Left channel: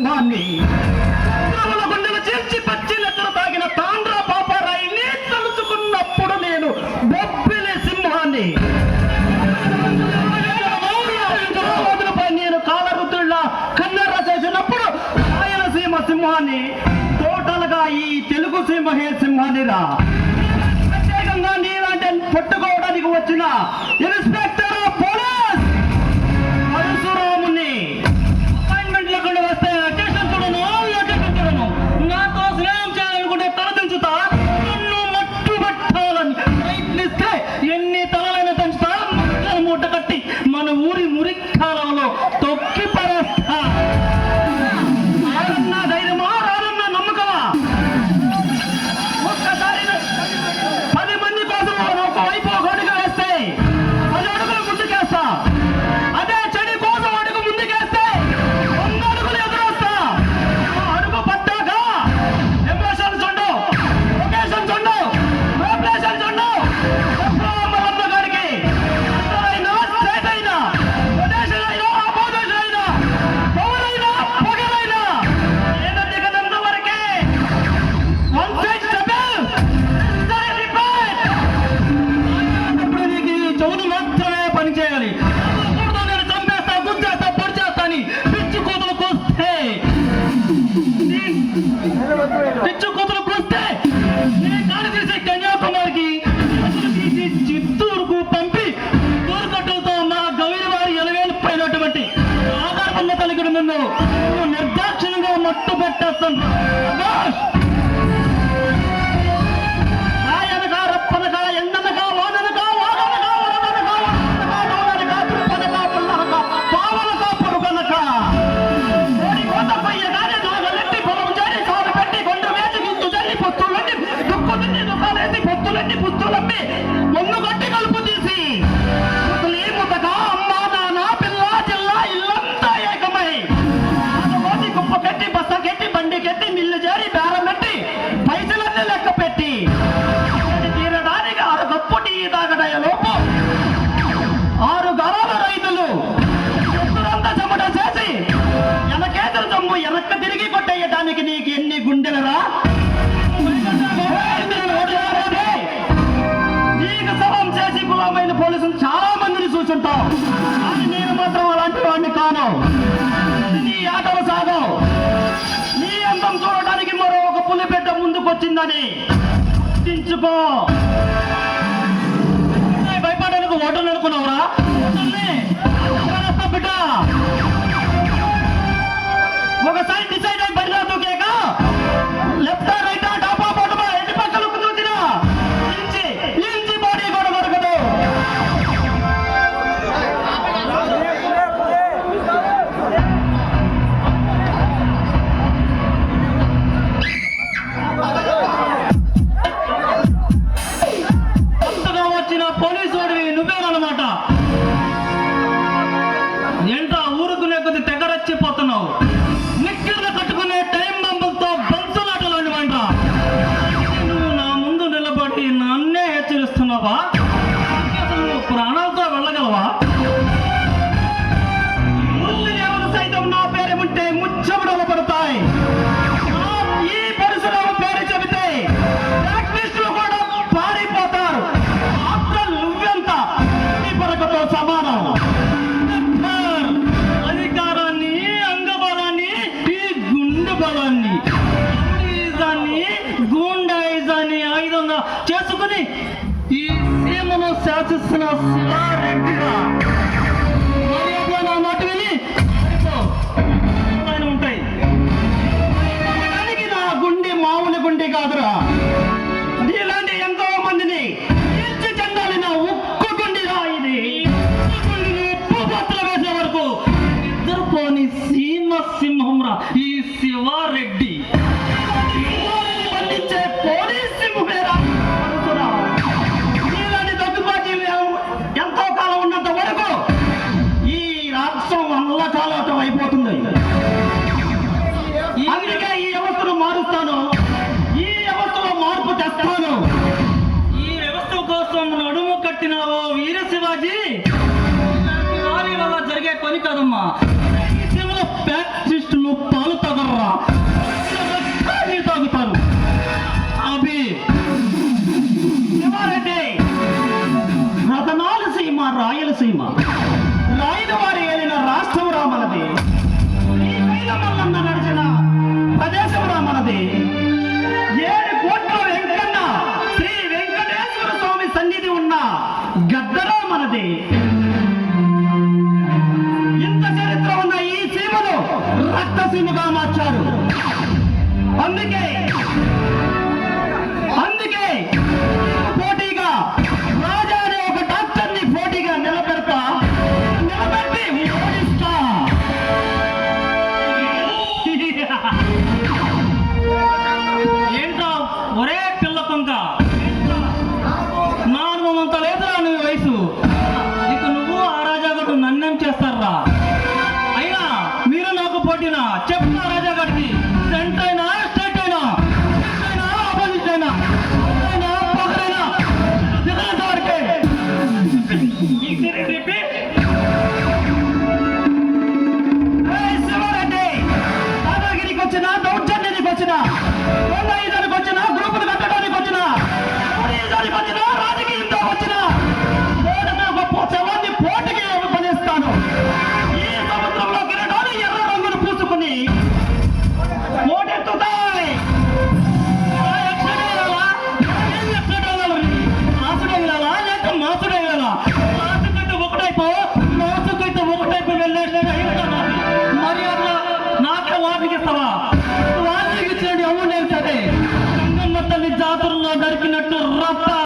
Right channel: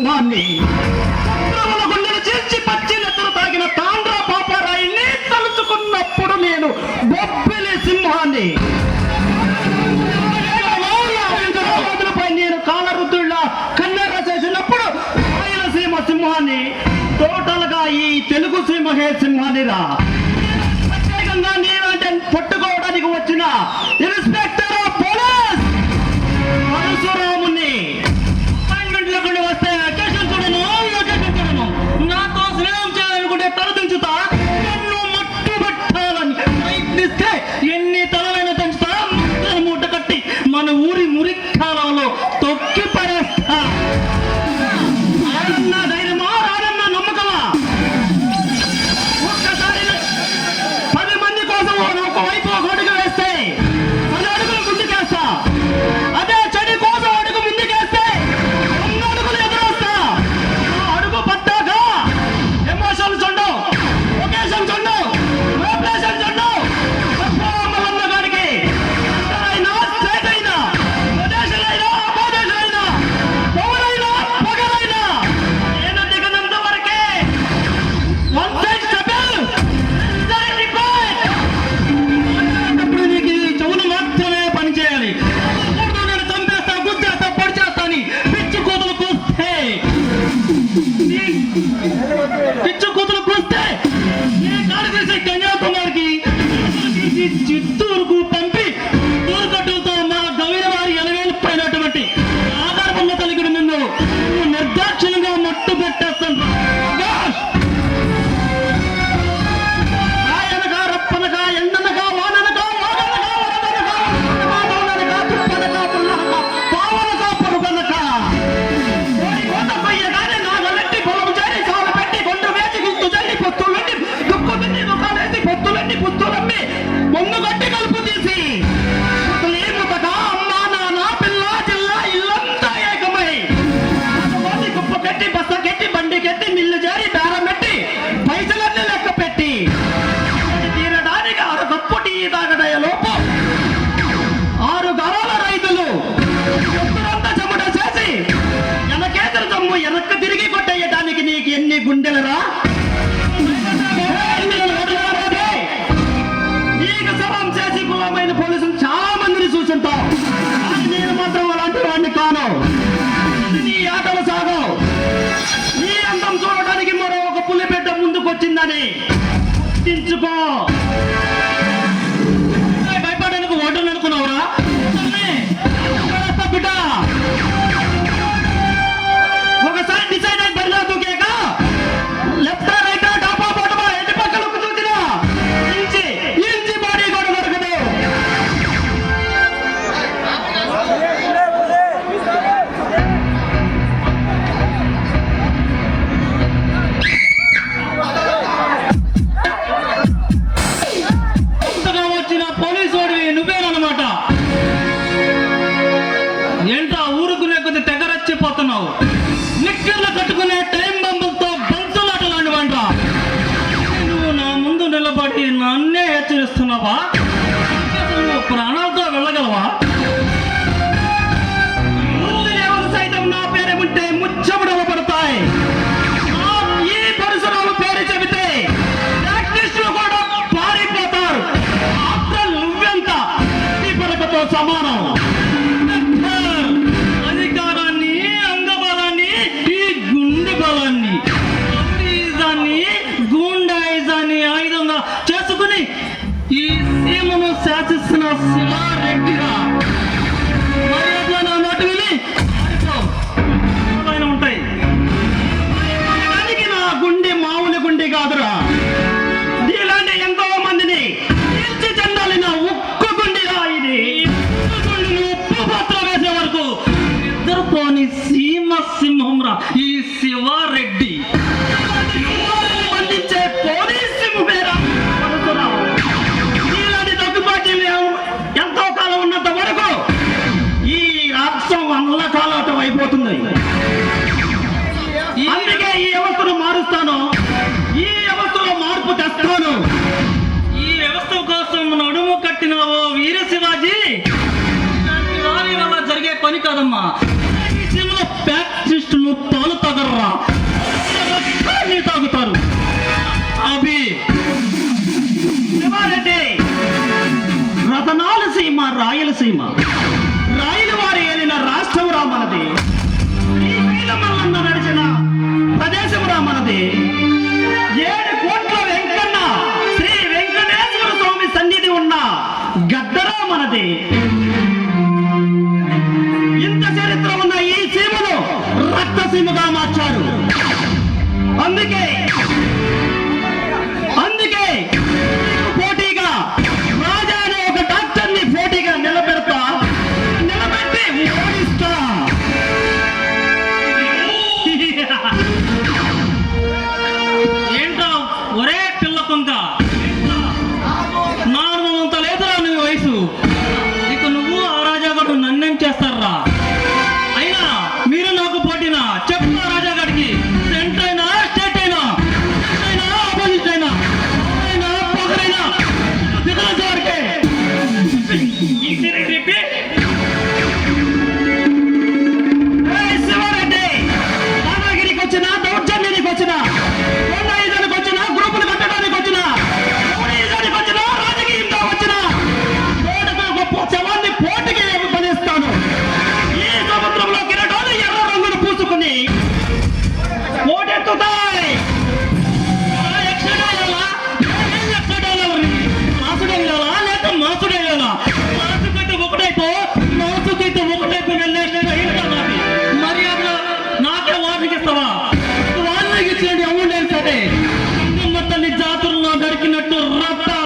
సింహాన్ని గుండెలు చేర్చి పచ్చి నెత్తలు తాగిన తాండ్ర పాపారాయిని తలుచుకున్నప్పుడు నేను బొబ్బిలి సింహాన్ని పై నేను కాలరుద్దుళ్ళ కన్నెర్ర చేసినప్పుడు రాయలసీమ సింహాన్ని టోటల్గా ఈ తెలుగు సింహే సింహాన్నిరా. ప్రత్యేకంగా నేనంటే పట్టుకోవడానికి వచ్చిన ఇన్స్పెక్టర్ ఆఫ్ పోలీస్ పరశురాముని అపాయింట్మెంట్ లేకుండా వస్తే అకేషన్ చూడను నాతో స్నేహం చేయాలనుకుంటే తలదించుతా, నన్ను మట్టు పెట్టాలని ప్రయత్నిస్తే ఎన్ని తలలైనా తెంచుతా, మూట కట్టి మన ఊరి మురిక్కాలలో తొక్కి పరేస్తా. నా ధైర్యమా రాదన్న నమ్మకమా? ఒక్కసారి 10 మంది కోసం ఒకవైపు ఒక అడుగు వేస్తే 10 అడుగులు ముందుకేస్తా. అదే చెడి కోసం అడుగు ముందుకేస్తే 100 అడుగులు ఎదురొస్తా. అడుగు పట్టాక ఎమోషన్స్ ఉండవు, లొకేషన్స్ ఉండవు, లోకేషన్స్ ఉండవు. మల్లన్న గారికి అయినా స్టేట్ అయినా ప్రదేశం అయినా అపోదేశం అయినా పవరైనా పొగరైనా ఏదంటే కదంత వరకే వన్ సైడ్ స్టెప్ అప్పుడు నీకు ఈ చెవులు మాత్రమే పనిచేయాలి. అప్పుడు నేను చంపేస్తా, గుద్దేస్తా, పొడి చేస్తాని పిచ్చి కూతులు కూస్తే నీ కాడు తీసి కన్యాకుమారికి చిత్తూరుకు పంపి దూరుకట్టులతో మా గౌరి వారి ఎలవేలు పైనటువంటి ఆధారపంగా కలిగిన నిన్ను నిర్దాక్షిణ్యంగా మట్టు పెట్టేస్తాను. రాయనగా రప్పనగా ఎండనగా వాననగా వాననగా వరదనగా మౌననగా తృప్పనగా పుల్లనగా పావనగా పరుగనగా కోడి కోత కొయ్యగానే నాగలెట్టి పొలం చేరి చోట పెట్టి కొండ వేసి గుర్తు చల్లి పొత్తులన్నీ దుక్కులన్నీ దుకాణేసి పొత్తులన్నీ పుత్తులమ్మి మొన్ను గట్టి కలుపు తీసి ముతగా అమ్మ నాన్న పిల్ల జిల్లా ఇల్లంతా ఏకమై కుప్ప కట్టి బస్త కట్టి బండి కట్టి మిల్లు చేరి బేరం పెట్టి పైసలన్నీ లెక్క పెట్టి తీరడానికి 6 కప్పు టీ తాగడయ లోపు 6 గరాల రైతులు ఎత్తులంతా చెమట చేసి వెనకేతర జమ్ము వెనక్కి తిరిగి కొట్టేయడానికి నీకు ఎన్ని గుండెలరా? నీకు సవాం చేసి కులమైన పోలీసులు చాలా మందిని చూసుంటావు, కానీ నేను మాత్రం అలాంటి వాడిని కాను. నీ ఆటలు సాగవు. నీ అందం చూడడానికి మరో ఒక పులిబిడ్డ ముందుకొచ్చిందని గుర్తించుకో. భయపడడానికి ఓటర్లు అనుకున్నావురా? బిడ్డ ఒకసారి డిసైడ్ అయి బరిలో దూకాక లెఫ్ట్ రైట్ టాపా బాటమా ఎన్ని పక్కలకు దూకినా ఇంచి బాడీ కూడా దొరకదు. కొత్తగా వచ్చిన పోలీసు వాడివి నువ్వేనమాట. ఏంటో ఊరుకునే కొద్ది తెగరచ్చిపోతున్నావు. నిక్కర్లు కట్టుకునే టైం బంబులతో బెంచలాటలాంటి వంట. నువ్వు నా ముందు నిలబడి నన్నే హెచ్చరిస్తున్నావా? అసలు నువ్వు ప్రాణాలతో వెళ్ళగలవా? సైతం నా పేరు ఉంటే ముచ్చముడలు పడతాయి. ఈ పరశురాము పేరు చెబితే ప్రాక్టీస్లో కూడా పారిపోతారు. ఆఫ్టర్ నువ్వెంత ఈ పరకతో సమానం. అధికారాన్ని, అంగబలాన్ని, ఈ గుండె బలాన్ని, రౌడీయిజాన్ని, గూండాయిజాన్ని ఆయుధంగా చేసుకుని ఈ సీమను శాసిస్తున్న శివారెడ్డిగా మర్యాద నా మాట విని ఉంటాయి. దానికి నా గుండె మామూలు గుండె కాదురా. నీలాంటి ఎంతో మందిని తీర్చి చెందాలి నా ఉక్కు గుండెరా. ఇది ఉప్పు పాత్ర వేసే వరకు నిద్రపోని సీమ సింహంరా ఈ శివారెడ్డి. బంధించే పోలీస్ సింహమేరా పరశురాము. నీలాంటి దగ్గుబాటి ఎంతో కాలం ఉన్నంత వరకు ఈ రాష్ట్రం అల్లకాలటం అయిపోతుంది. అందుకే ఈ వ్యవస్థను మారుస్తాను, ఈ వ్యవస్థలో మార్పు తెస్తాను. ఈ వ్యవస్థ కోసం నడుము కట్టినావో వీర శివాజీ, వారి వల్ల జరిగే పని కాదమ్మా. ఈ సినిమా ప్యాక్ ను పాలు నీళ్ళు తాగుతారు. అభి శివారెడ్డి, రతనాల సీమ రాయలసీమ, రాయల వారి ఏలిన రాష్ట్రం రామనది, ఈ కైలమల్లన్న నడిచిన ప్రదేశం రామనది, 7 కోట్ల వెంకన్న శ్రీ వెంకటేశ్వర స్వామి సన్నిధి ఉన్న గద్దరామనది. ఇంత చరిత్ర ఉన్న ఈ సీమను రక్తసీమగా మార్చారు. అందుకే పోటీగా రాజా అనే ఒక డాక్టర్ని పోటీగా నిలబెట్టి ఓడిస్తా. ఏంట్రా ఒరే పిల్ల కొంక, నా అనుభవం అంత లేదురా నీ వయసు. ఇక నువ్వు ఆ రాజాగాడు నన్నేం చేస్తారా? అయినా మీరు నాకు పోటీనా? చెప్తా రాజాగాడికి, సెంటర్ అయినా స్టేట్ అయినా ఆపోజిట్ అయినా పొగరైనా దిగులసారికే. ఏయ్ శివారెడ్డి, దాదాగిరికి వచ్చినా, దౌర్జన్యానికి వచ్చినా, ఓడాయిదానికి వచ్చినా, గ్రూపులు కట్టడానికి వచ్చినా, ఓడాయిదానికి వచ్చినా, రాజకీయంతో వచ్చినా, ఓడగా గొప్ప శవాన్ని పోటీకి పనిస్తాను. ఈ సముద్రంలో కిరటాలు ఎర్ర రంగును పూసుకుని ఓడెత్తుతాయి. మాసుడేయాలా లేక మాసుడేయాలా?